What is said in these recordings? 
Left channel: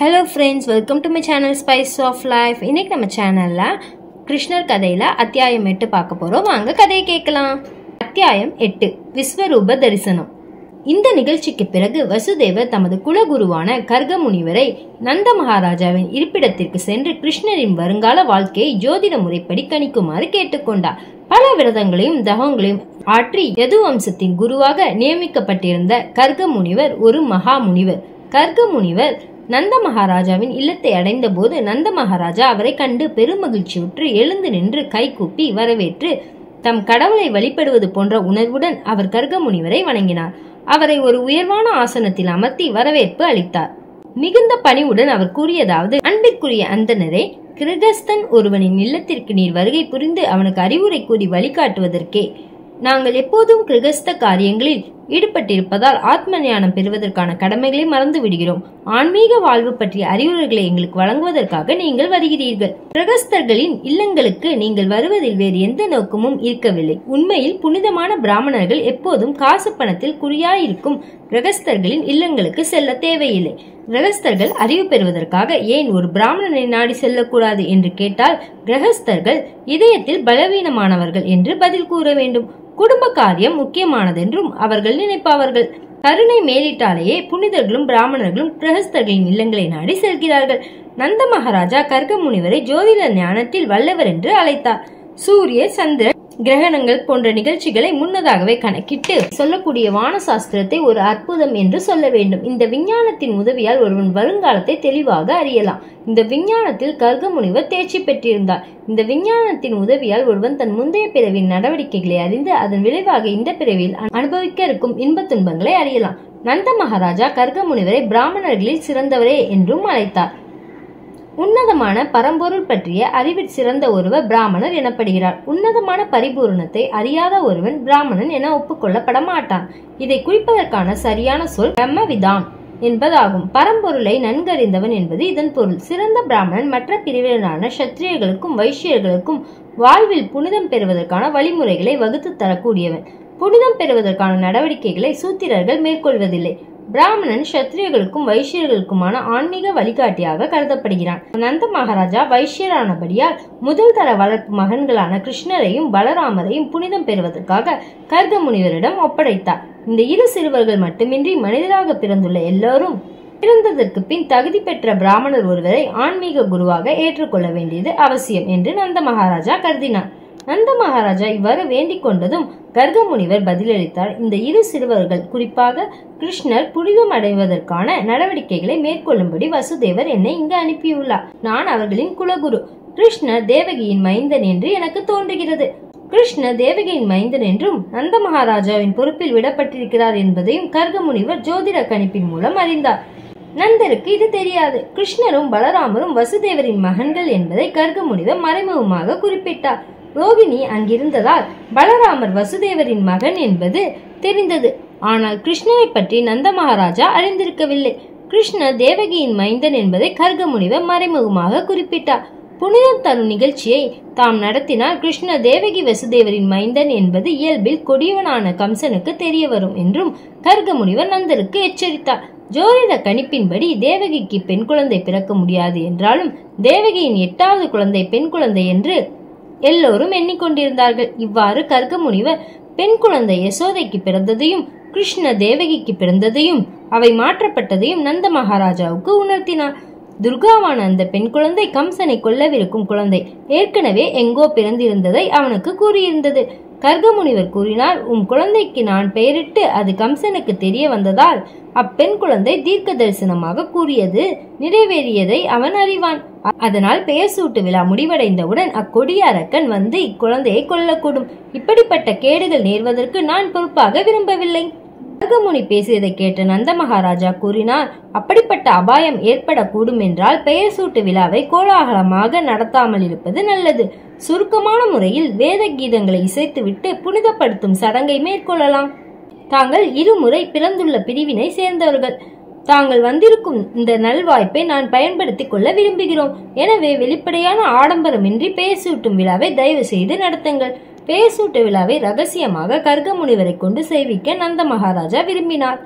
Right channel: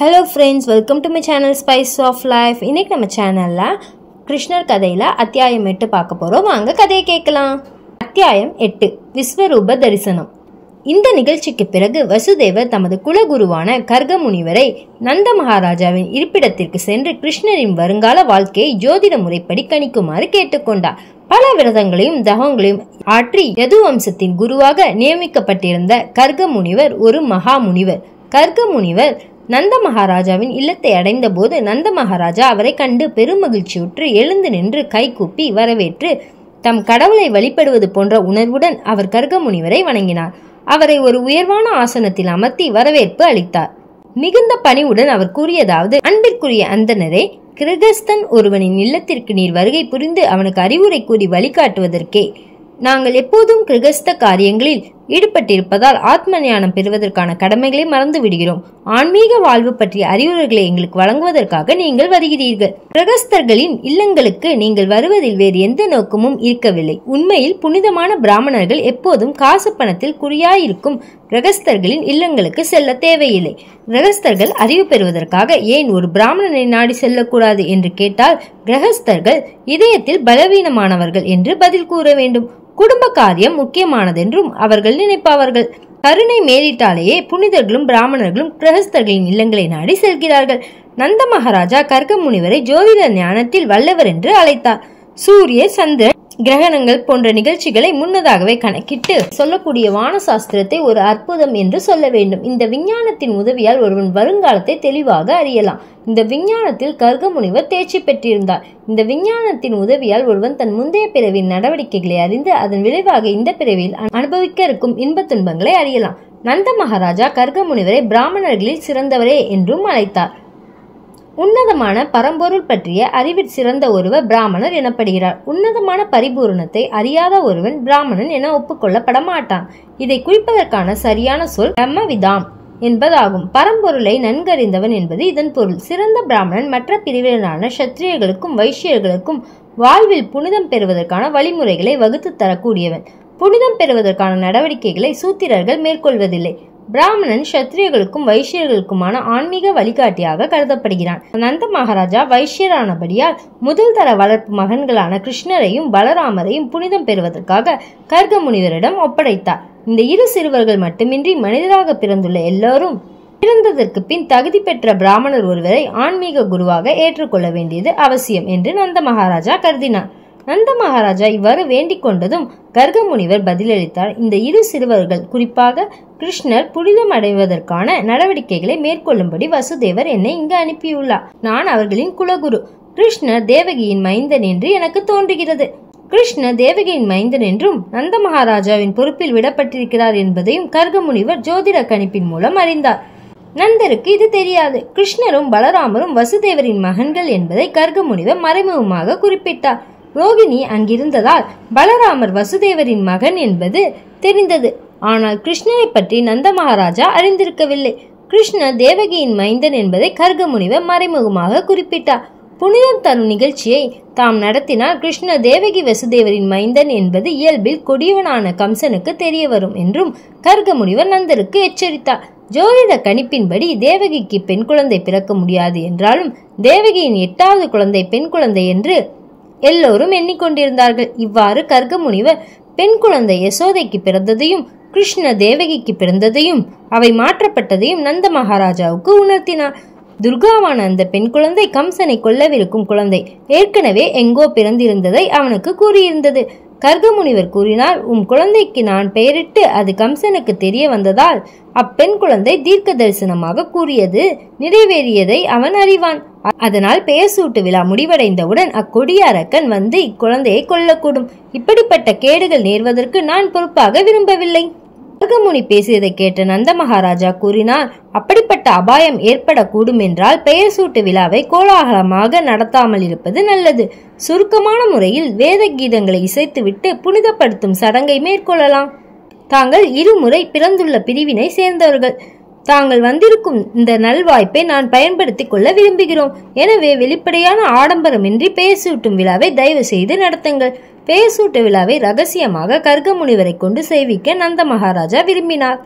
Hello friends, welcome to my channel spice of life. இன்னைக்கு நம்ம சேனலில் கிருஷ்ணர் கதையில் அத்தியாயம் 8 பார்க்க போகிறோம். வாங்க கதையை கேட்கலாம். அத்தியாயம் 8, விஸ்வரூப தரிசனம். இந்த நிகழ்ச்சிக்கு பிறகு வசுதேவர் தமது குலகுருவான கர்க முனிவரை நந்த மகாராஜாவின் இருப்பிடத்திற்கு சென்று கிருஷ்ணரின் வருங்கால வாழ்க்கையை ஜோதிட முறைப்படி கணிக்குமாறு கேட்டுக்கொண்டார். பல விரதங்களையும் தவங்களையும் ஆற்றி யது வம்சத்தின் குருவாக நியமிக்கப்பட்டிருந்த கர்க முனிவர் ஒரு மகா முனிவர். கர்க முனிவர் நந்த மகாராஜாவின் இல்லத்தை அடைந்த போது நந்த மகாராஜா அவரை கண்டு பெருமகிழ்ச்சியுற்று எழுந்து நின்று கைகூப்பி வரவேற்று தம் கடவுளை வழிபடுவது போன்ற உணர்வுடன் அவர் கர்க முனிவரை வணங்கினார். அவரை ஒரு உயர்வான ஆசனத்தில் அமர்த்தி வரவேற்பு அளித்தார். மிகுந்த பணிவுடன் அவர் கூறியதாவது: அன்பிற்குரிய அந்தனரே, கிருகஸ்தன் ஒருவனின் இல்லத்திற்கு நீர் வருகை புரிந்து அவனுக்கு அறிவுரை கூறி வழிகாட்டுவதற்கே நாங்கள் எப்போதும் கிருகஸ்த காரியங்களில் ஈடுபட்டிருப்பதால் ஆத்ம ஞானம் பெறுவதற்கான கடமைகளை மறந்து விடுகிறோம். ஆன்மீக வாழ்வு பற்றிய அறிவுரைகளை எங்களுக்கு வழங்குவதற்காக நீங்கள் வருகிறீர்கள். கிரகஸ்தர்களின் இல்லங்களுக்கு நீங்கள் வருவதில் வேறு எந்த நோக்கமும் இருக்கவில்லை. உண்மையில் புனிதமான பிராமணர்கள் எப்போதும் காசு பணத்தில் குறியாயிருக்கும் கிரகஸ்தர்களின் இல்லங்களுக்கு செல்ல தேவையில்லை. கிரகஸ்தர்கள் அறிவு பெறுவதற்காக ஏன் ஒரு பிராமணனை நாடி செல்லக்கூடாது என்று கேட்டால் கிரகஸ்தர்கள் இதயத்தில் பலவீனமானவர்கள் என்று பதில் கூற வேண்டும். குடும்ப காரியம் முக்கியமானதென்றும் அவர்கள் நினைப்பவர்கள். கருணை மேலிட்டாலேயே புனிதர்களும் பிராமணர்களும் கிரகஸ்தர்களின் இல்லங்களை நாடி செல்கிறார்கள். நந்த மகாராஜா கர்க முனிவரை ஜோதிட ஞானத்தில் வல்லவர் என்று அழைத்தார். சூரிய சந்திரன் கிரகணங்கள் போன்ற நிகழ்ச்சிகளை முன்னதாகவே கணக்கிட்டு சொல்லக்கூடிய வானசாஸ்திரத்தை ஒரு அற்புதம் என்று சொல்ல வேண்டும். இந்த விஞ்ஞானத்தின் உதவியால் ஒருவன் வருங்காலத்தை தெளிவாக அறியலாம். இந்த விஞ்ஞானத்தில் கர்க முனிவர் தேர்ச்சி பெற்றிருந்தார். இந்த விஞ்ஞானத்தின் உதவியால் ஒருவன் தன் முந்தைய பிறவின் நடவடிக்கைகளை அறிந்து அதன் விளைவாக இந்த பிறவியில் அனுபவிக்க இருக்கும் இன்ப துன்பங்களை அறியலாம். நந்த மகாராஜா கர்க முனிவரை பிராமணர்களில் சிறந்தவரே என்றும் அழைத்தார். உன்னதமான பரம்பொருள் பற்றிய அறிவில் சிறந்த ஒருவர் பிராமணர் எனப்படுகிறார். உன்னதமான பரிபூரணத்தை அறியாத ஒருவன் பிராமணன் என ஒப்புக்கொள்ளப்பட மாட்டான். இதை குறிப்பதற்கான சரியான சொல் பிரம்மவிதாம் என்பதாகும். பரம்பொருளை நன்கறிந்தவன் என்பது இதன் பொருள். சிறந்த பிராமணன் மற்ற பிரிவினரான சத்திரியர்களுக்கும் வைஷ்யர்களுக்கும் வாழ்வில் புனிதம் பெறுவதற்கான வழிமுறைகளை வகுத்து தரக்கூடியவன். புனிதம் பெறுவதற்கான நடவடிக்கைகளை சூத்திரர்கள் மேற்கொள்வதில்லை. பிராமணன் சத்திரியர்களுக்கும் வைஷ்யர்களுக்குமான ஆன்மீக வழிகாட்டியாக கருதப்படுகிறான். நந்த மகாராஜா வைஷ்யரானபடியால் முதல் தர வளர்ப்பு மகன்களான கிருஷ்ணரையும் பலராமரையும் புனிதம் பெறுவதற்காக கர்க முனிவரிடம் ஒப்படைத்தார். இந்த இரு சிறுவர்கள் மட்டுமின்றி மனிதராக பிறந்துள்ள எல்லோரும் பிறந்ததற்கு பின் தகுதி பெற்ற பிராமணர் ஒருவரை ஆன்மீக குருவாக ஏற்றுக்கொள்ள வேண்டியது அவசியம் என்று நந்த மகாராஜா கருதினார். நந்த மகாராஜா இவ்வாறு வேண்டிக் கொண்டதும் கர்க முனிவர் பதிலளித்தார்: இந்த இரு சிறுவர்கள், குறிப்பாக கிருஷ்ணர் புனிதம் அடைவதற்கான நடவடிக்கைகளை மேற்கொள்ளும்படி வசுதேவர் என்னை இங்கு அனுப்பியுள்ளார். நான் அவர்களின் குலகுரு. கிருஷ்ணர் தேவகியின் மைந்தன் என்று எனக்கு தோன்றுகிறது. கிருஷ்ணர் தேவகியின் மைந்தன் என்றும் நந்த மகாராஜாவின் பொறுப்பில் விடப்பட்டிருக்கிறார் என்பதையும் கர்க முனிவர் ஜோதிட கணிப்பின் மூலம் அறிந்தார். நந்தருக்கு இது தெரியாது. கிருஷ்ணரும் பலராமரும் வசுதேவரின் மகன்கள் என்பதை கர்க முனிவர் மறைமுகமாக குறிப்பிட்டார். ரோகிணி அங்கிருந்ததால் பலராமர் வசுதேவரின் மகன் என்பது தெரிந்தது. ஆனால் கிருஷ்ணரை பற்றி நந்த மகாராஜா அறிந்திருக்கவில்லை. கிருஷ்ணர் தேவகியின் மைந்தன் என்பதை கர்க முனிவர் மறைமுகமாக குறிப்பிட்டார். புனிதம் தரும் நிகழ்ச்சியை தாம் நடத்தினால் கிருஷ்ணர் தேவகி வசுதேவரின் மைந்தன் என்பது இயல்பில் கொடியவனான கம்சனுக்கு தெரிய வரும் என்றும் கர்க முனிவர் நந்தருக்கு எச்சரித்தார். ஜோதிட கணிப்பின்படி தேவகிக்கு பெண் குழந்தை பிறக்க முடியாது என்றாலும் தேவகியின் 8வது குழந்தை பெண் குழந்தை என்று எல்லோரும் எண்ணிக்கொண்டிருந்தார்கள். இவ்வாறு கர்க முனிவர் பெண் குழந்தை யசோதைக்கு பிறந்ததையும் கிருஷ்ண தேவகிக்கு பிறந்ததையும் அவை மாற்றப்பட்டதையும் நந்த மகாராஜாவுக்கு உணர்த்தினார். துர்காவான அந்த பெண் குழந்தை கம்சனை கொல்லவிருக்கும் குழந்தை ஏற்கனவே எங்கோ பிறந்திருந்ததை அவனுக்கு கூறியிருந்தது. கர்க முனிவர் கூறினார்: குழந்தைக்கு நான் பெயரிட்டு அது கம்சனுக்கு தெரிய வந்ததால் அப்பெண் குழந்தை தீர்க்க தரிசனமாக கூறியது நிறைவேறியதை அவன் அறிவான். அதனால் பெயர் சூட்டு விழா முடிவடைந்தவுடன் அக்கொடிய அரக்கன் வந்து இக்குழந்தையை கொல்லக்கூடும். இப்படிப்பட்ட கேடுகள் நேர்வதற்கு நான் பொறுப்பாக விரும்பவில்லை. கர்கமுனி பேசியதை கேட்ட நந்த மகாராஜா கூறினார்: அப்படிப்பட்ட அபாயம் ஏற்படக்கூடும் என்றால் பெயர் சூட்டு விழாவை கோலாகலமாக நடத்தாமல் இருப்பது நல்லது. சுருக்கமான முறையில் வேத கீதங்களை இசைத்துவிட்டு புனிதப்படுத்தும் சடங்கை மேற்கொள்ளலாம். தாங்கள் இருமுறை பிறந்துள்ள பிரிவினை சேர்ந்தவர்கள். தாங்கள் வந்திருக்கும் இந்த நல்வாய்ப்பை நான் பயன்படுத்திக் கொள்ள விரும்புகிறோம். எனவே வெளிப்படையான ஆடம்பரமின்றி பெயர் சூட்டும் விழாவை தயவு செய்து நடத்துங்கள். பெயர் சூட்டு விழாவை ரகசியமாக கர்க முனிவரை கொண்டு சேவிக்க நந்த மகாராஜா விரும்பினார்.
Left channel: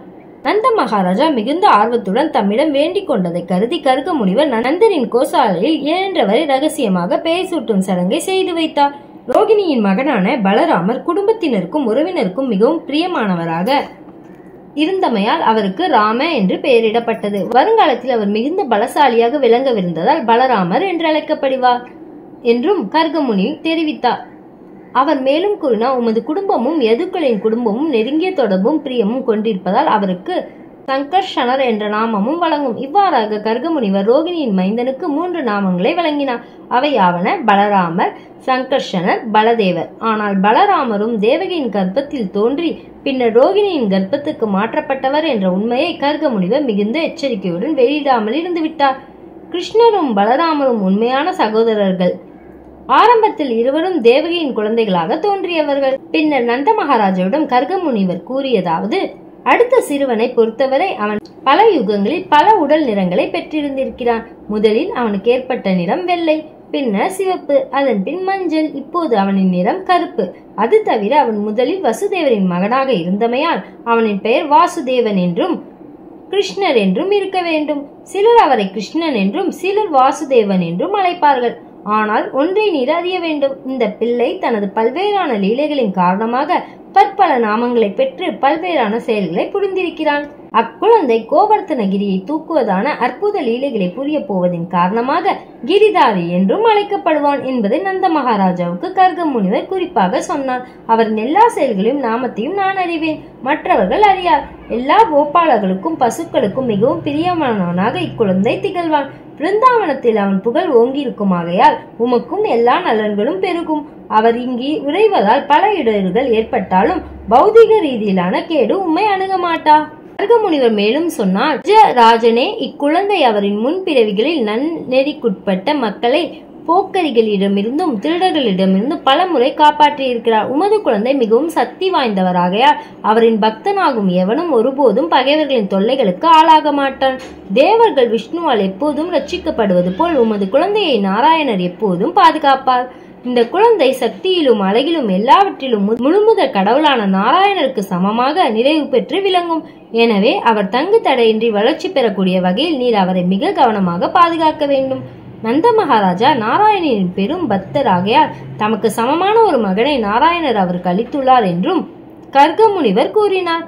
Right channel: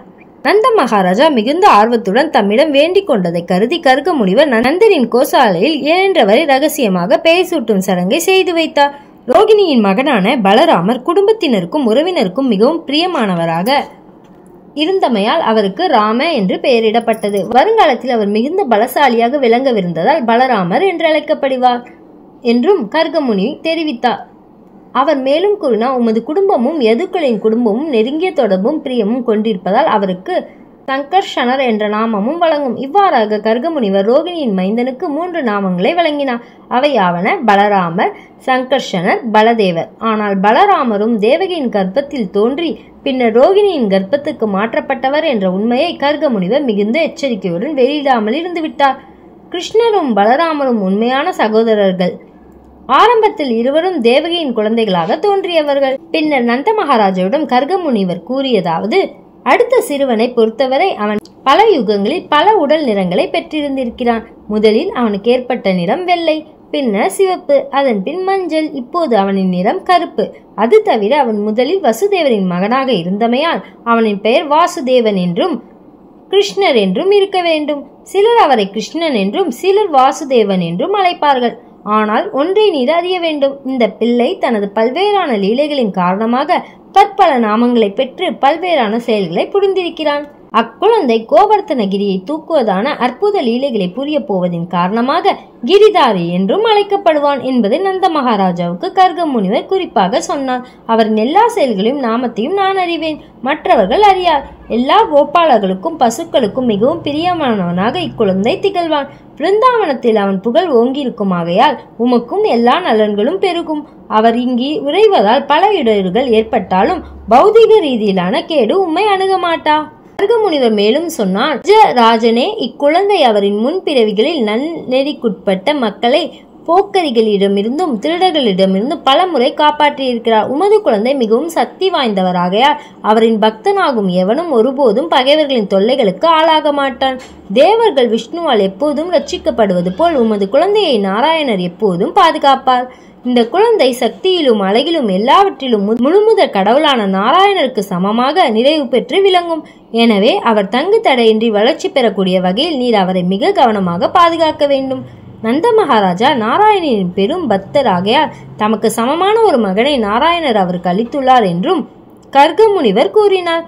நந்த மகாராஜா மிகுந்த ஆர்வத்துடன் தம்மிடம் வேண்டிக் கொண்டதை கருதி கர்க முனிவர் நந்தனின் கோசாலையில் இயன்றவரை ரகசியமாக பெயர் சூட்டும் சடங்கை செய்து வைத்தார். ரோகிணியின் மகனான பலராமர் குடும்பத்தினருக்கும் உறவினருக்கும் மிகவும் பிரியமானவராக இருந்தமையால் அவருக்கு ராம என்று பெயரிடப்பட்டது. வருங்காலத்தில் அவர் மிகுந்த பலசாலியாக விளங்கவிருந்ததால் பலராமர் என்று அழைக்கப்படுவார் என்றும் கர்கமுனி தெரிவித்தார். அவர் மேலும் கூறினார், உமது குடும்பமும் யதுக்களின் குடும்பமும் நெருங்கிய தொடர்பும் பிரியமும் கொண்டிருப்பதால் அவருக்கு சங்கர்ஷனர் என்ற நாமமும் வழங்கும். இவ்வாறாக கர்கமுனிவர் ரோகிணியின் மைந்தனுக்கு 3 நாமங்களை வழங்கினார். அவையாவன பலராமர், சங்கர்ஷனர், பலதேவர். ஆனால் பலராமரும் தேவகியின் கர்ப்பத்தில் தோன்றி பின்னர் ரோகிணியின் கர்ப்பத்துக்கு மாற்றப்பட்டவர் என்ற உண்மையை கர்கமுனிவர் மிகுந்த எச்சரிக்கையுடன் வெளியிடாமல் இருந்துவிட்டார். கிருஷ்ணரும் பலராமரும் உண்மையான சகோதரர்கள். ஆரம்பத்தில் இருவரும் தேவகியின் குழந்தைகளாக தோன்றியவர்கள். பின்னர் நந்த மகாராஜாவிடம் கர்கமுனிவர் கூறியதாவது, அடுத்த சிறுவனை பொறுத்தவரை அவன் பல யுகங்களில் பல உடல் நிறங்களை பெற்றிருந்திருக்கிறான். முதலில் அவனுக்கு ஏற்பட்ட நிறம் வெள்ளை, பின்னர் சிவப்பு, அதன் பின் மஞ்சள், இப்போது அவனின் நிறம் கருப்பு. அது தவிர அவன் முதலில் வசுதேவரின் மகனாக இருந்தமையால் அவனின் பெயர் வாசுதேவன் என்றும் கிருஷ்ணர் என்றும் இருக்க வேண்டும். சிலர் அவரை கிருஷ்ணன் என்றும் சிலர் வாசுதேவன் என்றும் அழைப்பார்கள். ஆனால் ஒன்றை நீர் அறிய வேண்டும், இந்த பிள்ளை தனது பல்வேறான லீலைகளின் காரணமாக பற்பல நாமங்களை பெற்று பல்வேறான செயல்களை புரிந்திருக்கிறான். அக்குழந்தை கோவர்த்தனகிரியை தூக்குவதான அற்புத லீலைகளை புரிய போவதின் காரணமாக கிரிதாரி என்றும் அழைக்கப்படுவான் என்பதை நந்த மகாராஜாவுக்கு கர்க முனிவர் குறிப்பாக சொன்னார். அவரின் எல்லா செயல்களையும் நாமத்தையும் நான் அறிவேன், மற்றவர்கள் அறியார். எல்லா கோபாலர்களுக்கும் பசுக்களுக்கும் மிகவும் பிரியமானவனாக இக்குழந்தை திகழ்வான். பிருந்தாவனத்தில் அவன் புகழ் ஓங்கியிருக்கும் ஆகையால் உமக்கும் எல்லா நலன்களும் பெருகும். அவர் இங்கு உறைவதால் பல இடையூறுகள் ஏற்பட்டாலும் பௌதிக ரீதியிலான கேடு உம்மை அணுக மாட்டா. கர்கமுனிவர் மேலும் சொன்னார், ராஜனே, இக்குழந்தை அவரின் முன்பிறவிகளில் நன்னெறிக்குட்பட்ட மக்களை போக்கரிகளிடமிருந்தும் திருடர்களிடமிருந்தும் பல முறை காப்பாற்றியிருக்கிறார். உமது குழந்தை மிகவும் சக்தி வாய்ந்தவராகையால் அவரின் பக்தனாகும் எவனும் ஒருபோதும் பகைவர்களின் தொல்லைகளுக்கு ஆளாக மாட்டான். தேவர்கள் விஷ்ணுவால் எப்போதும் ரட்சிக்கப்படுவது போல் உமது குழந்தையை நாராயணர் எப்போதும் பாதுகாப்பார். இந்த குழந்தை சக்தியிலும் அழகிலும் எல்லாவற்றிலும் முழுமுதற் கடவுளான நாராயணருக்கு சமமாக நிறைவு பெற்று விளங்கும். எனவே அவர் தங்கு தடையின்றி வளர்ச்சி பெறக்கூடிய வகையில் நீர் அவரை மிக கவனமாக பாதுகாக்க வேண்டும். நந்த மகாராஜா நாராயணனின் பெரும் பக்தராகையால் தமக்கு சமமான ஒரு மகனை நாராயணர் அவருக்கு அளித்துள்ளார் என்றும் கர்க முனிவர் கூறினார்.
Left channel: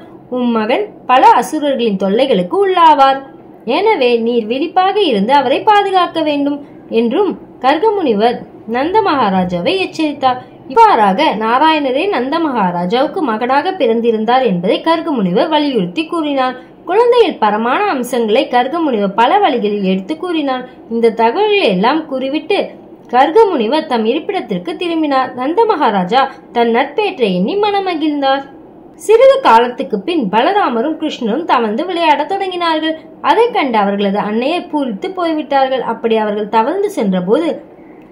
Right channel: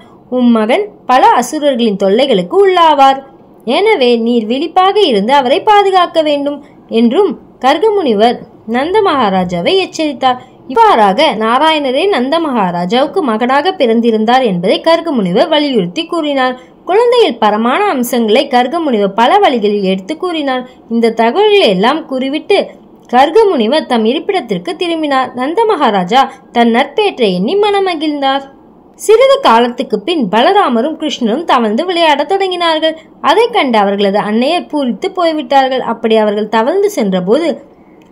மகன் பல அசுரர்களின் தொல்லைகளுக்கு உள்ளாவார். எனவே நீர் விழிப்பாக இருந்து அவரை பாதுகாக்க வேண்டும் என்றும் கர்க முனிவர் நந்த மகாராஜாவை எச்சரித்தார். இவ்வாறாக நாராயணரே நந்த மகாராஜாவுக்கு மகனாக பிறந்திருந்தார் என்பதை கர்க முனிவர் வலியுறுத்தி கூறினார். குழந்தையில் பரமான அம்சங்களை கர்க முனிவர் பல வழிகளில் எடுத்து கூறினார். இந்த தகவல்களை எல்லாம் கூறிவிட்டு கர்க முனிவர் தம் இருப்பிடத்திற்கு திரும்பினார். நந்த மகாராஜா தன் நற்பேற்றை எண்ணி மனமகிழ்ந்தார். சிறிது காலத்துக்கு பின் பலராமரும் கிருஷ்ணரும் தவழ்ந்து விளையாட தொடங்கினார்கள். அதை கண்டு அவர்களது அன்னையர் பூரித்து போய்விட்டார்கள். அப்படி அவர்கள் தவழ்ந்து சென்ற போது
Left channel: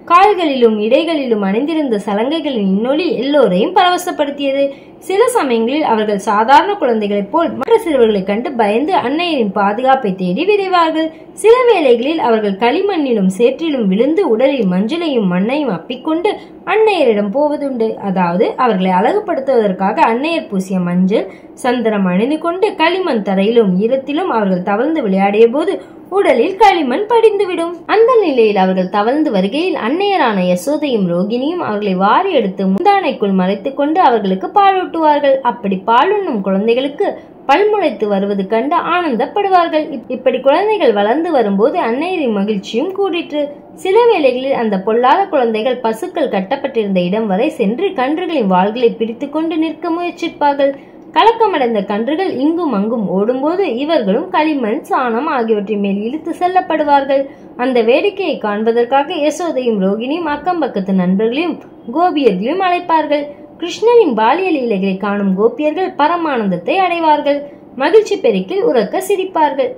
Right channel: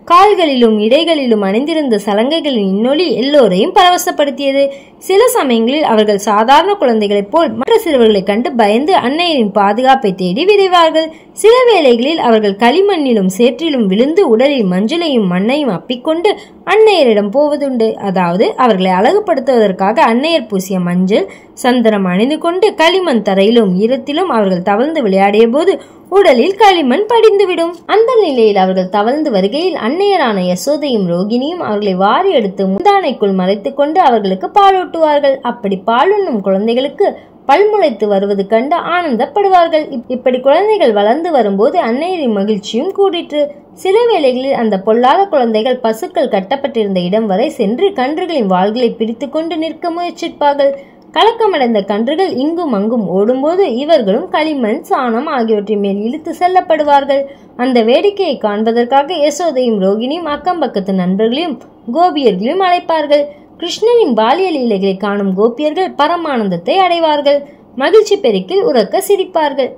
கால்களிலும் இடைகளிலும் அணிந்திருந்த சலங்கைகளின் இன்னொலி எல்லோரையும் பரவசப்படுத்தியது. சில சமயங்களில் அவர்கள் சாதாரண குழந்தைகளைப் போல் மற்ற சிறுவர்களை கண்டு பயந்து அன்னையரின் பாதுகாப்பை தேடி விரைவார்கள். சில வேளைகளில் அவர்கள் களிமண்ணிலும் சேற்றிலும் விழுந்து உடலில் மஞ்சளையும் மண்ணையும் அப்பிக்கொண்டு அன்னையரிடம் போவதுண்டு. அதாவது அவர்களை அழகுபடுத்துவதற்காக அன்னையர் பூசிய மஞ்சள் சந்தனம் அணிந்து கொண்டு களிமண் தரையிலும் ஈரத்திலும் அவர்கள் தவழ்ந்து விளையாடிய போது உடலில் களிமண் படிந்துவிடும். அந்த நிலையில் அவர்கள் தவழ்ந்து வருகையில் அன்னையரான யசோதையும் ரோகிணியும் அவர்களை வாரி எடுத்து முந்தானைக்குள் மறைத்துக் கொண்டு அவர்களுக்கு பாலூட்டுவார்கள். அப்படி பாலுண்ணும் குழந்தைகளுக்கு பல்முளைத்து வருவது கண்டு ஆனந்தப்படுவார்கள். இப்படி குழந்தைகள் வளர்ந்து வரும்போது அன்னையரின் மகிழ்ச்சியும் கூடிற்று. சில வேளைகளில் அந்த பொல்லாத குழந்தைகள் பசுக்கள் கட்டப்பட்டிருந்த இடம் வரை சென்று கன்றுகளின் வாள்களை பிடித்து கொண்டு நிற்க முயற்சிப்பார்கள். கலக்கமடைந்த கன்றுகள் இங்கும் அங்கும் ஓடும்போது இவர்களும் களிமண் சாணம் ஆகியவற்றின் மேல் இழுத்து செல்லப்படுவார்கள். அந்த வேடிக்கையை காண்பதற்காக யசோதையும் ரோகிணியும் அக்கம் பக்கத்து நண்பர்களையும் கோபியர்களையும் அழைப்பார்கள். கிருஷ்ணரின் பாலிய லீலைகளை காணும் கோபியர்கள் பரமானந்தத்தை அடைவார்கள். மகிழ்ச்சி பெருக்கில் உறக்க சிரிப்பார்கள்.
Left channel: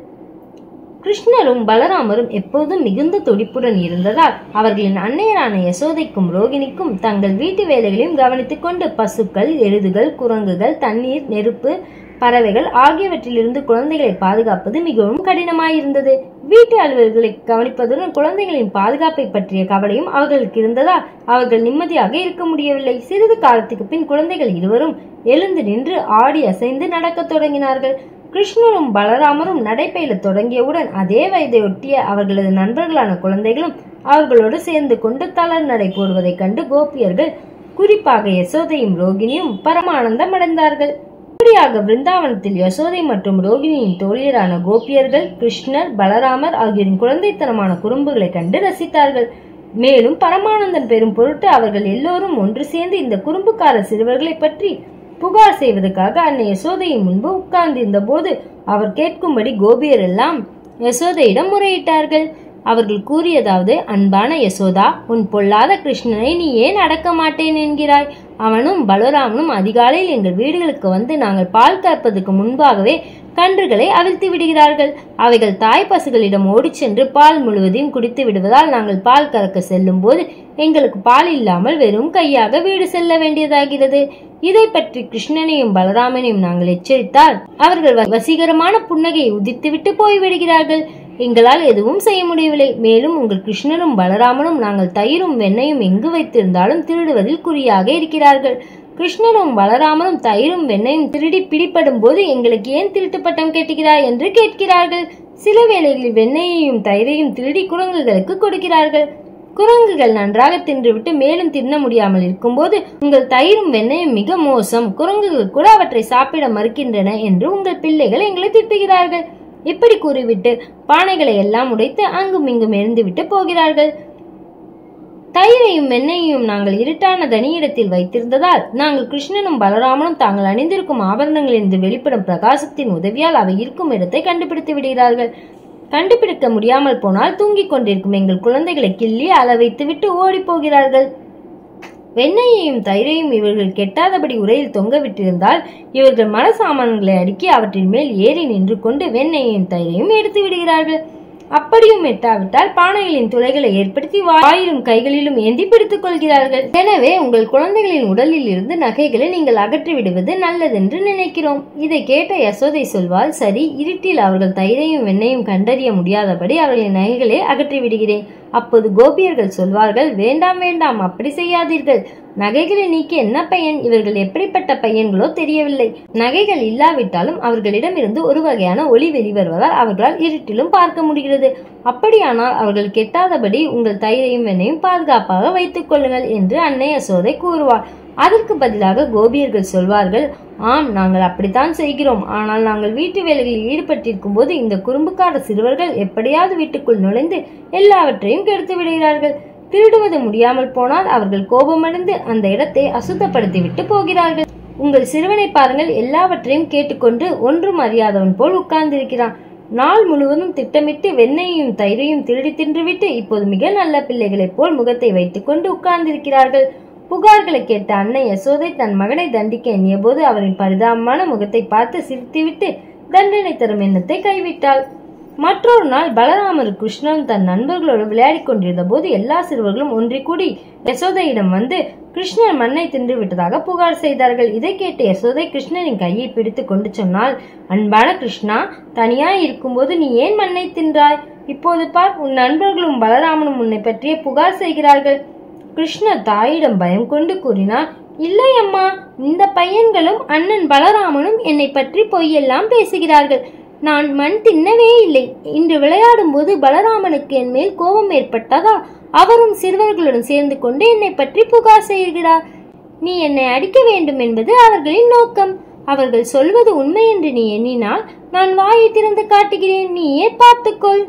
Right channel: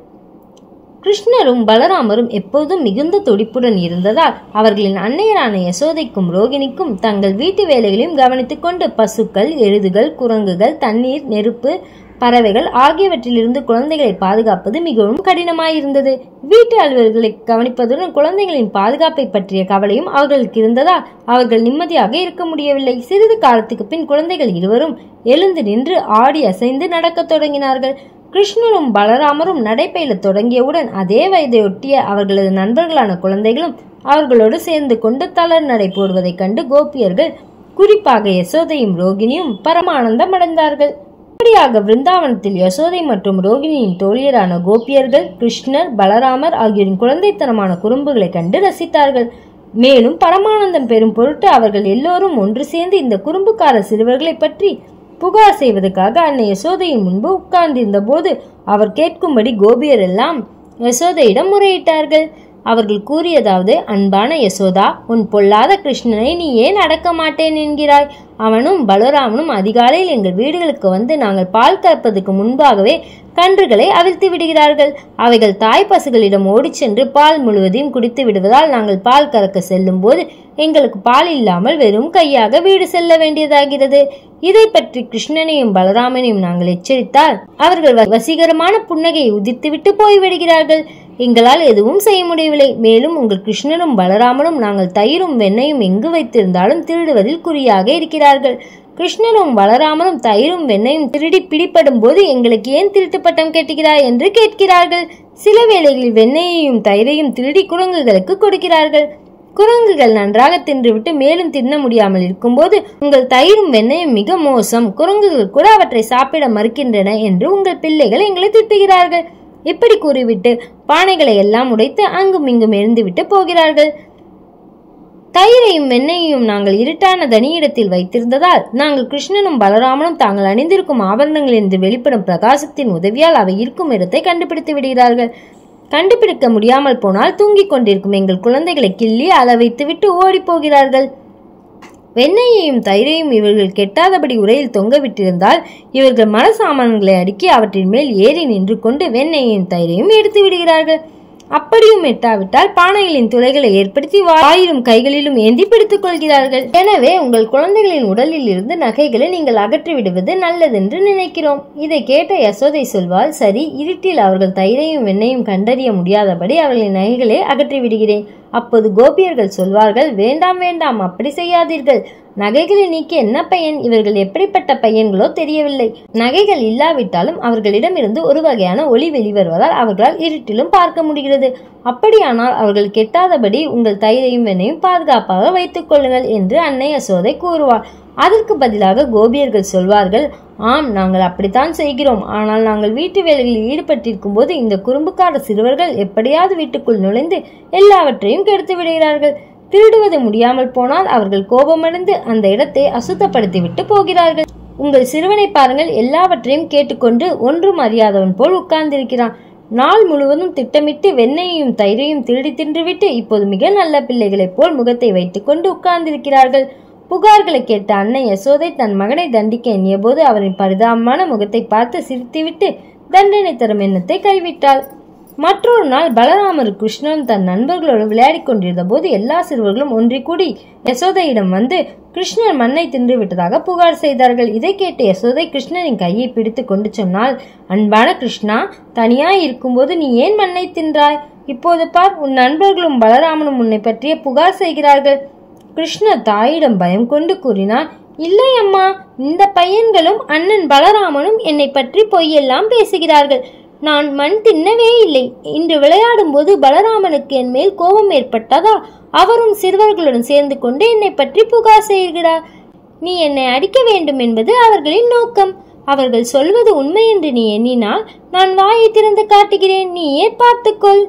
கிருஷ்ணரும் பலராமரும் எப்போதும் மிகுந்த துடிப்புடன் இருந்ததால் அவர்களின் அன்னையரான யசோதைக்கும் ரோகிணிக்கும் தங்கள் வீட்டு வேலைகளையும் கவனித்துக் கொண்டு பசுக்கள், எருதுகள், குரங்குகள், தண்ணீர், நெருப்பு, பறவைகள் ஆகியவற்றிலிருந்து குழந்தைகளை பாதுகாப்பது மிகவும் கடினமாயிருந்தது. வீட்டு அலுவல்களை கவனிப்பதுடன் குழந்தைகளின் பாதுகாப்பை பற்றிய கவலையும் அவர்களுக்கு இருந்ததால் அவர்கள் நிம்மதியாக இருக்க முடியவில்லை. சிறிது காலத்துக்கு பின் குழந்தைகள் இருவரும் எழுந்து நின்று ஆடி அசைந்து நடக்க தொடங்கினார்கள். கிருஷ்ணரும் பலராமரும் நடைபயில தொடங்கியவுடன் அதே வயதையொட்டிய அவர்களது நண்பர்களான குழந்தைகளும் அவர்களோடு சேர்ந்து கொண்டு தளர் நடை போடுவதைக் கண்டு கோபியர்கள், குறிப்பாக யசோதையும் ரோகிணியும் பரமானந்தம் அடைந்தார்கள். இப்படியாக பிருந்தாவனத்தில் யசோதை மற்றும் ரோகிணியின் தோழியரான கோபியர்கள் கிருஷ்ணர், பலராமர் ஆகியோரின் குழந்தைத்தனமான குறும்புகளை கண்டு ரசித்தார்கள். மேலும் பரமானந்தம் பெறும் பொருட்டு அவர்கள் எல்லோரும் ஒன்று சேர்ந்து இந்த குறும்புக்கார சிறுவர்களை பற்றி புகார் செய்வதற்காக அன்னை யசோதையின் முன்பு உட்கார்ந்திருந்த போது அவர் கேட்கும்படி கோபியர் எல்லாம் யசோதையிடம் முறையிட்டார்கள். அவர்கள் கூறியதாவது: அன்பான யசோதா, உன் பொல்லாத கிருஷ்ணனை நீ ஏன் அடக்க மாட்டேன் என்கிறாய்? அவனும் பலராமனும் அதிகாலையில் எங்கள் வீடுகளுக்கு வந்து நாங்கள் பால் கறப்பதற்கு முன்பாகவே கன்றுகளை அவிழ்த்து விடுகிறார்கள். அவைகள் தாய் பசுகளிடம் ஓடிச் சென்று பால் முழுவதையும் குடித்து விடுவதால் நாங்கள் பால் கறக்க செல்லும் போது எங்களுக்கு பால் இல்லாமல் வெறும் கையாக வீடு செல்ல வேண்டியதாகிறது. இதை பற்றி கிருஷ்ணனையும் பலராமனையும் நாங்கள் எச்சரித்தால் அவர்கள் வசீகரமான புன்னகையை உதிர்த்துவிட்டு போய்விடுகிறார்கள். எங்களால் எதுவும் செய்ய முடியவில்லை. மேலும் உங்கள் கிருஷ்ணரும் பலராமனும் நாங்கள் தயிரும் வெண்ணையும் எங்கு வைத்திருந்தாலும் திருடுவதில் குறியாக இருக்கிறார்கள். கிருஷ்ணரும் பலராமனும் தயிரும் வெண்ணையும் திருடி பிடிப்படும் போது எங்களுக்கு ஏன் திருட்டு பட்டம் கேட்டுகிறாய் என்று கேட்கிறார்கள். சில வேளைகளில் வெண்ணையையும் தயிரையும் திருடி குரங்குகளுக்கு கொடுக்கிறார்கள். குரங்குகள் நன்றாக தின்றுவிட்டு மேலும் தின்ன முடியாமல் இருக்கும்போது உங்கள் தயிரும் வெண்ணையும் மிக மோசம், குரங்குகள் கூட அவற்றை சாப்பிட மறுக்கின்றன என்று உங்கள் பிள்ளைகள் எங்களை திட்டுகிறார்கள். இப்படி கூறிவிட்டு பானைகளை எல்லாம் உடைத்து அங்கும் இங்கும் எரிந்துவிட்டு போகிறார்கள். தயிரையும் வெண்ணையும் நாங்கள் இருட்டான தனியிடத்தில் வைத்திருந்ததால் நாங்கள் கிருஷ்ணனும் பலராமனும் தாங்கள் அணிந்திருக்கும் ஆபரணங்களிலிருந்து வெளிப்படும் பிரகாசத்தின் உதவியால் அவை இருக்கும் இடத்தை கண்டுபிடித்து விடுகிறார்கள். கண்டுபிடிக்க முடியாமல் போனால் தூங்கிக் கொண்டிருக்கும் எங்கள் குழந்தைகளை கிள்ளி அள வைத்து விட்டு ஓடி போகிறார்கள். வெண்ணையையும் தயிரையும் இவர்கள் கெட்டாதபடி உரையில் தொங்க விட்டிருந்தால் இவர்கள் மர சாமான்களை அடுக்கி அவற்றின் மேல் ஏறி நின்று கொண்டு வெண்ணையையும் தயிரையும் எடுத்து விடுகிறார்கள். அப்படியும் எட்டாவிட்டால் பானைகளின் துளைகளை ஏற்படுத்தி வாயிலும் கைகளிலும் ஏந்தி பிடித்துக் கொள்கிறார்கள். எனவே உங்கள் குழந்தைகளின் உடலில் இருந்து நகைகளை நீங்கள் அகற்றி விடுவது நல்லதென்று நினைக்கிறோம். இதை கேட்ட யசோதை சொல்வாள், சரி, இருட்டில் அவர்கள் தயிரையும் வெண்ணையும் கண்டறிய முடியாதபடி அவர்களின் நகைகளை அகற்றி விடுகிறேன். அப்போது கோபியர்கள் சொல்வார்கள், வேண்டாம் வேண்டாம், அப்படி செய்யாதீர்கள். நகைகளை நீக்கி என்ன பையன்? இவர்கள் எப்படிப்பட்ட பையன்களோ தெரியவில்லை. நகைகள் இல்லாவிட்டாலும் அவர்களிடமிருந்து ஒரு வகையான ஒளி வெளிவருவதால் அவர்களால் இருட்டிலும் பார்க்க முடிகிறது. அப்படியானால் அவர்கள் கெட்டாதபடி உங்கள் தயிரையும் வெண்ணையும் பாதுகாப்பாக வைத்துக் கொள்ளுங்கள் என்று அன்னை யசோதை கூறுவாள். அதற்கு பதிலாக கோபியர்கள் சொல்வார்கள், ஆம், நாங்கள் அப்படித்தான் செய்கிறோம். ஆனால் நாங்கள் வீட்டு வேலைகளில் ஈடுபட்டிருக்கும் போது இந்த குறும்புக்கார சிறுவர்கள் எப்படியாவது வீட்டுக்குள் நுழைந்து எல்லாவற்றையும் கெடுத்து விடுகிறார்கள். திருடுவது முடியாமல் போனால் அவர்கள் கோபமடைந்து அந்த இடத்தை அசுத்தப்படுத்திவிட்டு போகிறார்கள். உங்கள் சிறுவனை பாருங்கள், எல்லாவற்றையும் கேட்டுக்கொண்டு ஒன்றும் அறியாதவன் போல் உட்கார்ந்திருக்கிறான். நாள் முழுவதும் திட்டமிட்டு வெண்ணையையும் தயிரையும் திருடி தின்றுவிட்டு இப்போது மிக நல்ல பிள்ளைகளைப் போல் முகத்தை வைத்துக் கொண்டு உட்கார்ந்திருக்கிறார்கள். புகார்களை கேட்ட அன்னை யசோதை தன் மகனை தண்டிக்க எண்ணிய போது அவரின் பரிதாபமான முகத்தை பார்த்து சிரித்துவிட்டு தண்டனை தரும் எண்ணத்தை கைவிட்டாள். மற்றொரு நாள் பலராமர் கிருஷ்ணன் தன் நண்பர்களோடு விளையாடி கொண்டிருந்த போது எல்லா சிறுவர்களும் ஒன்றி கூடி யசோதையிடம் வந்து கிருஷ்ணர் மண்ணை தின்று விட்டதாக புகார் செய்தார்கள். இதை கேட்ட யசோதை கிருஷ்ணரின் கையை பிடித்து கொண்டு சொன்னால், அன்பான கிருஷ்ணா, தனியாய் இருக்கும்போது நீ ஏன் மண்ணை தின்றாய்? இப்போது பார், உன் நண்பர்களும் பலராமனும் உன்னை பற்றிய புகார் செய்கிறார்கள். கிருஷ்ணர் தாயிடம் பயம் கொண்டு கூறினார், இல்லை அம்மா, இந்த பையன்களும் அண்ணன் பலராமனும் என்னை பற்றி பொய்யெல்லாம் பேசுகிறார்கள். நான் மண் தின்னவே இல்லை. இன்று விளையாடும் போது பலராமனுக்கு என் மேல் கோபம் ஏற்பட்டதா அவரும் சிறுவர்களுடன் சேர்ந்து கொண்டு என்னை பற்றி புகார் செய்கிறார். நீ என்னை அடிக்க வேண்டும் என்பது அவர்களின் நோக்கம். அவர்கள் சொல்வது உண்மை என்று நீ எண்ணினால் நான் வாயை திறந்து காட்டுகிறேன், நீயே பார்த்துக்கொள்.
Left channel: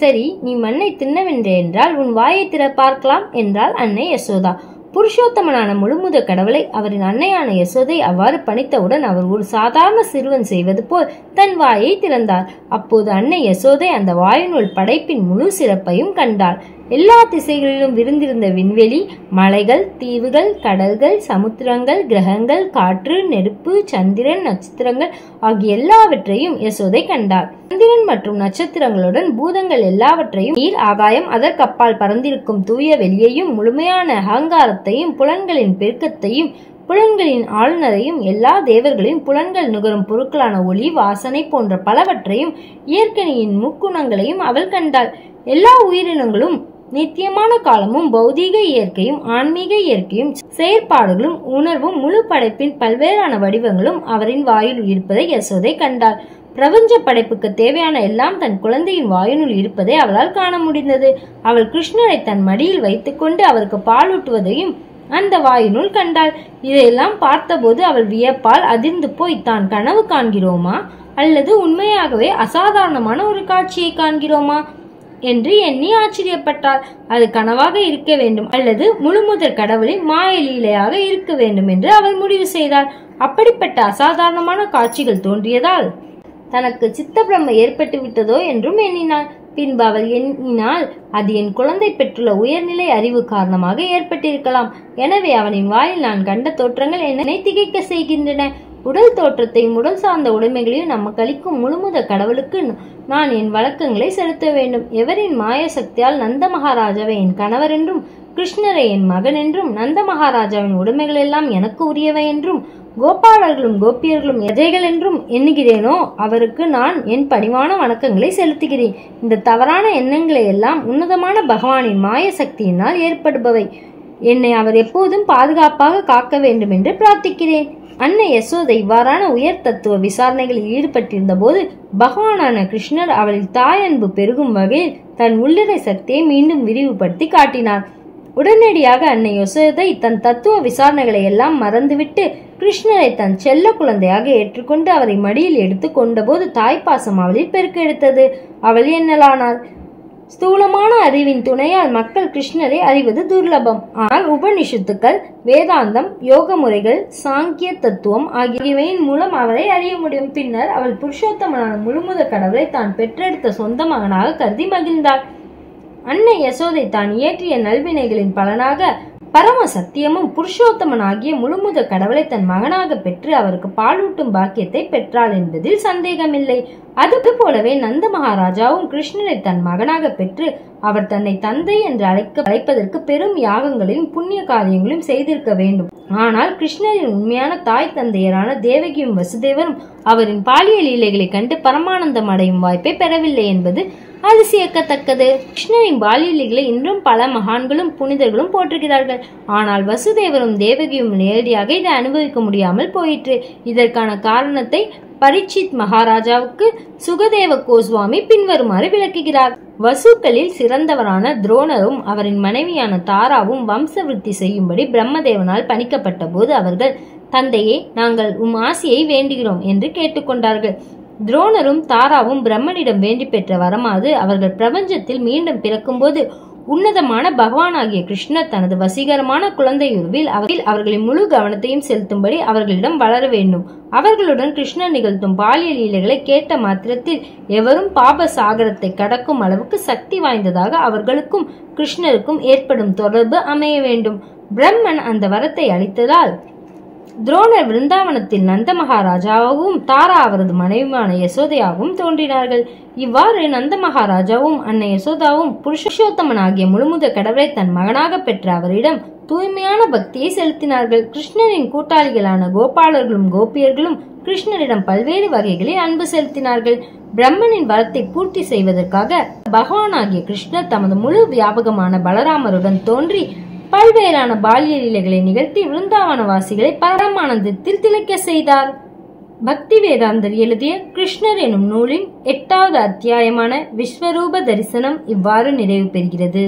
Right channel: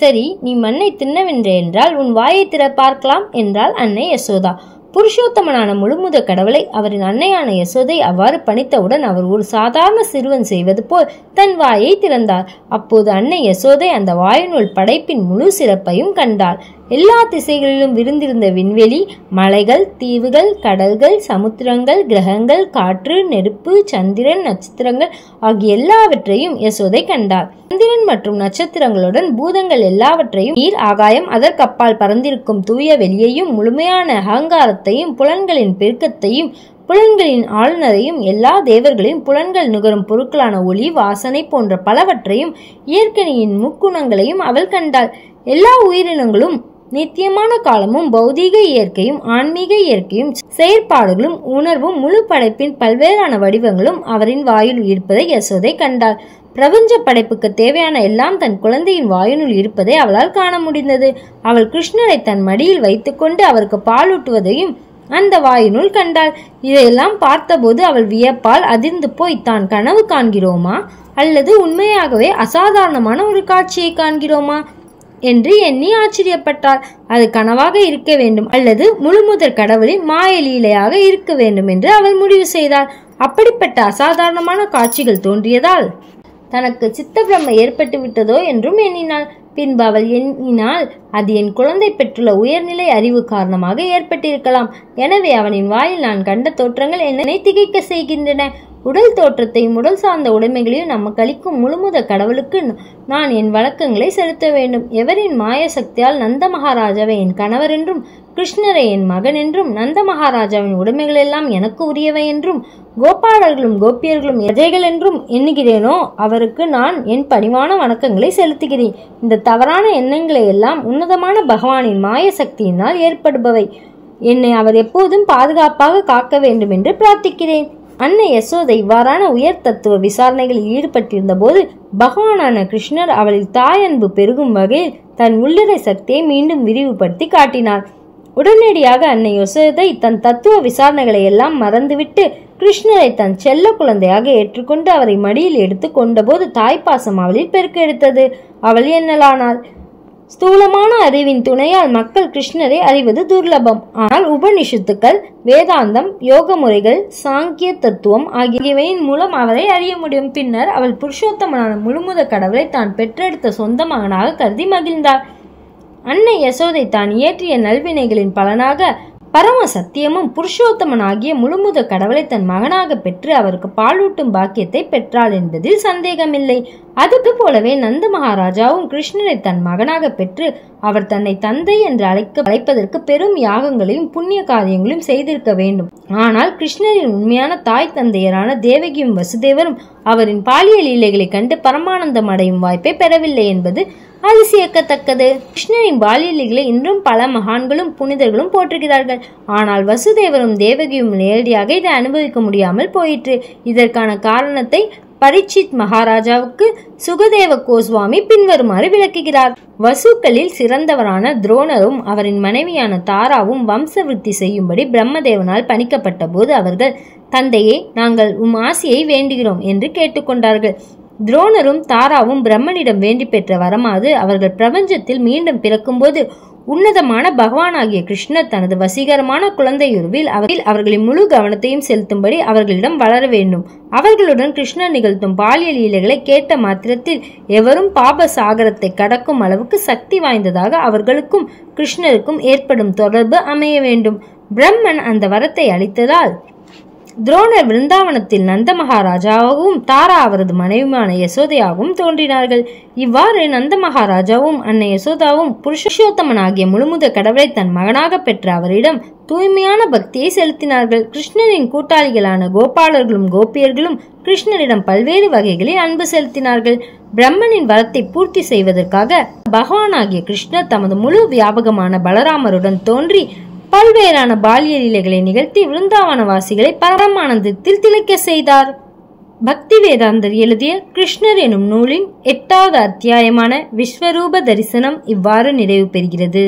சரி, நீ மண்ணை தின்னவென்று என்றால் உன் வாயை திற பார்க்கலாம் என்றாள் அன்னை யசோதா. புருஷோத்தமனான முழுமுத கடவுளை அவரின் அன்னையான யசோதை அவ்வாறு பணித்தவுடன் அவர் ஒரு சாதாரண சிறுவன் செய்வது போல் தன் வாயை திறந்தார். அப்போது அன்னை யசோதை அந்த வாயினுள் படைப்பின் முழு சிறப்பையும் கண்டாள். எல்லா திசைகளிலும் விரிந்திருந்த விண்வெளி, மலைகள், தீவுகள், கடல்கள், சமுத்திரங்கள், கிரகங்கள், காற்று, நெருப்பு, சந்திரன், நட்சத்திரங்கள் ஆகிய எல்லாவற்றையும் யசோதை கண்டாள். சந்திரன் மற்றும் நட்சத்திரங்களுடன் பூதங்கள் எல்லாவற்றையும், நீர், ஆகாயம், அதற்கப்பால் பறந்திருக்கும் தூய வெளியையும், முழுமையான அகங்காரத்தையும், புலன்களின் பெருக்கத்தையும், புலன்களின் ஆளுநரையும், எல்லா தேவர்களையும், புலன்கள் நுகரும் பொருட்களான ஒளி, வாசனை போன்ற பலவற்றையும், இயற்கையின் முக்குணங்களையும் அவள் கண்டாள். எல்லா உயிரினங்களும் நித்தியமான காலமும், பௌதீக இயற்கையும், ஆன்மீக இயற்கையும், செயற்பாடுகளும், உணர்வும், முழு படைப்பின் பல்வேறான வடிவங்களும் அவரின் வாயில் இருப்பதை யசோதை கண்டாள். பிரபஞ்ச படைப்புக்கு தேவையான எல்லாம் தன் குழந்தையின் வாயினுள் இருப்பதை அவளால் காண முடிந்தது. அவள் கிருஷ்ணரை தன் மடியில் வைத்துக்கொண்டு அவருக்கு பாலூட்டுவதையும் அந்த வாயினுள் கண்டாள். இதையெல்லாம் பார்த்தபோது அவள் வியப்பால் அதிர்ந்து போய் தான் கனவு காண்கிறோமா அல்லது உண்மையாகவே அசாதாரணமான ஒரு காட்சியை காண்கிறோமா என்று எண்ணி ஆச்சரியப்பட்டாள். அது கனவாக இருக்க வேண்டும் அல்லது முழுமுதற் கடவுளின் மாய லீலையாக இருக்க வேண்டும் என்று அவள் முடிவு செய்தாள். அப்படிப்பட்ட அசாதாரணமான காட்சிகள் தோன்றியதால் தனக்கு சித்த பிரம்ம ஏற்பட்டு விட்டதோ என்றும் எண்ணினாள். பின்பு அவள் எண்ணினால் அது என் குழந்தை பெற்றுள்ள உயர்நிலை அறிவு காரணமாக ஏற்பட்டிருக்கலாம். எனவே அவனின் வாயில் நான் கண்ட தோற்றங்கள் என்னை திகைக்க செய்கின்றன. உடல் தோற்றத்தையும் உடல் சார்ந்த உடைமைகளையும் நமக்கு அளிக்கும் முழுமுத கடவுளுக்கு நான் என் வழக்கங்களை செலுத்த வேண்டும். எவரின் மாய சக்தியால் நந்த மகாராஜாவை என் கணவர் என்றும் கிருஷ்ணரை என் மகன் என்றும் நந்த மகாராஜாவின் உடைமைகள் எல்லாம் எனக்கு உரியவை என்றும் கோபாலர்களும் கோபியர்களும் எதைகள் என்றும் எண்ணுகிறேனோ அவருக்கு நான் என் பணிவான வணக்கங்களை செலுத்துகிறேன். இந்த தவறான எண்ணங்களை எல்லாம் உன்னதமான பகவானின் மாய சக்தியினால் ஏற்படுபவை. என்னை அவர் எப்போதும் பாதுகாப்பாக காக்க வேண்டும் என்று பிரார்த்திக்கிறேன். அன்னை யசோதை இவ்வாறான உயர் தத்துவ விசாரணைகளில் ஈடுபட்டிருந்த போது பகவானான கிருஷ்ணர் அவளில் தாய் அன்பு பெருகும் வகையில் தன் உள்ளிறை சக்தியை மீண்டும் விரிவுபடுத்தி காட்டினார். உடனடியாக அன்னை யசோதை தன் தத்துவ விசாரணைகளை எல்லாம் மறந்துவிட்டு கிருஷ்ணரை தன் செல்ல குழந்தையாக ஏற்றுக்கொண்டு அவரை மடியில் எடுத்து கொண்டபோது தாய்ப்பாசம் அவளில் பெருக்கெடுத்தது. அவள் எண்ணலானாள். ஸ்தூலமான அறிவின் துணையால் மக்கள் கிருஷ்ணரை அறிவது துர்லபம். ஆனால் உபனிஷத்துக்கள், வேதாந்தம், யோக முறைகள், சாங்கிய தத்துவம் ஆகியவையின் மூலம் அவரை அறிய முடியும். பின்னர் அவள் புருஷோத்தமனான முழுமுத கடவுளை தான் பெற்றெடுத்த சொந்த மகனாக கருதி மகிழ்ந்தாள். அன்னை யசோதை தான் இயற்றிய நல்வினைகளின் பலனாக பரம சத்தியமும் புருஷோத்தமன் ஆகிய முழுமுத கடவுளை தன் மகனாக பெற்று அவருக்கு பாலூட்டும் பாக்கியத்தை பெற்றாள் என்பதில் சந்தேகமில்லை. அதுக்கு போலவே நந்த மகாராஜாவும் கிருஷ்ணரை தன் மகனாக பெற்று அவர் தன்னை தந்தை என்று அழைப்பதற்கு பெரும் யாகங்களையும் புண்ணிய காரியங்களையும் செய்திருக்க வேண்டும். ஆனால் கிருஷ்ணரின் உண்மையான தாய் தந்தையரான தேவகியும் வசுதேவரும் அவரின் பாலியல் லீலைகளை கண்டு பரமானந்தம் அடையும் வாய்ப்பை பெறவில்லை என்பது அதிசயக்கத்தக்கது. கிருஷ்ணரின் பாலியலிகளை இன்றும் பல மகான்களும் புனிதர்களும் போற்றுகிறார்கள். ஆனால் வசுதேவரும் தேவகியும் நேரடியாக இதை அனுபவிக்க முடியாமல் போயிற்று. இதற்கான காரணத்தை பரீட்சித் மகாராஜாவுக்கு சுகதேவ கோஸ்வாமி பின்வருமாறு விளக்குகிறார். வசுக்களில் சிறந்தவரான துரோணரும் அவரின் மனைவியான தாராவும் வம்ச விருத்தி செய்யும்படி பிரம்மதேவனால் பணிக்கப்பட்ட போது அவர்கள், தந்தையே, நாங்கள் ஆசியை வேண்டுகிறோம் என்று கேட்டுக்கொண்டார்கள். துரோணரும் தாராவும் பிரம்மனிடம் வேண்டி பெற்ற வரமாது அவர்கள் பிரபஞ்சத்தில் மீண்டும் பிறக்கும்போது உன்னதமான பகவானாகிய கிருஷ்ணர் தனது வசீகரமான குழந்தையுருவில் அவர்களின் முழு கவனத்தையும் செலுத்தும்படி அவர்களிடம் வளர வேண்டும். அவர்களுடன் கிருஷ்ணர் நிகழ்த்தும் பாலியல் லீலைகளை கேட்ட மாத்திரத்தில் எவரும் பாப சாகரத்தை கடக்கும் அளவுக்கு சக்தி வாய்ந்ததாக அவர்களுக்கும் கிருஷ்ணருக்கும் ஏற்படும் தொடர்பு அமைய வேண்டும். பிரம்மன் அந்த வரத்தை அளித்ததால் துரோணர் விருந்தாவனத்தில் நந்த மகாராஜாவும் தாரா அவரது மனைவியான யசோதையாகவும் தோன்றினார்கள். இவ்வாறு நந்த மகாராஜாவும் அன்னை யசோதாவும் புருஷோத்தமன் ஆகிய முழுமுத கடவுளை தன் மகனாக பெற்ற அவரிடம் தூய்மையான பக்தியை செலுத்தினார்கள். கிருஷ்ணரின் கூட்டாளிகளான கோபாலர்களும் கோபியர்களும் கிருஷ்ணரிடம் பல்வேறு வகைகளில் அன்பு செலுத்தினார்கள். பிரம்மனின் வரத்தை பூர்த்தி செய்வதற்காக பகவானாகிய கிருஷ்ணர் தமது முழு வியாபகமான பலராமருடன் தோன்றி பல்வேறான பாலிய லீலைகளை நிகழ்த்தி விருந்தாவன வாசிகளை பரமானந்தத்தில் திளைக்க செய்தார். பக்தி வேதாந்தர் எழுதிய கிருஷ்ணர் எனும் நூலின் 8வது அத்தியாயமான விஸ்வரூப தரிசனம் இவ்வாறு நிறைவு பெறுகிறது.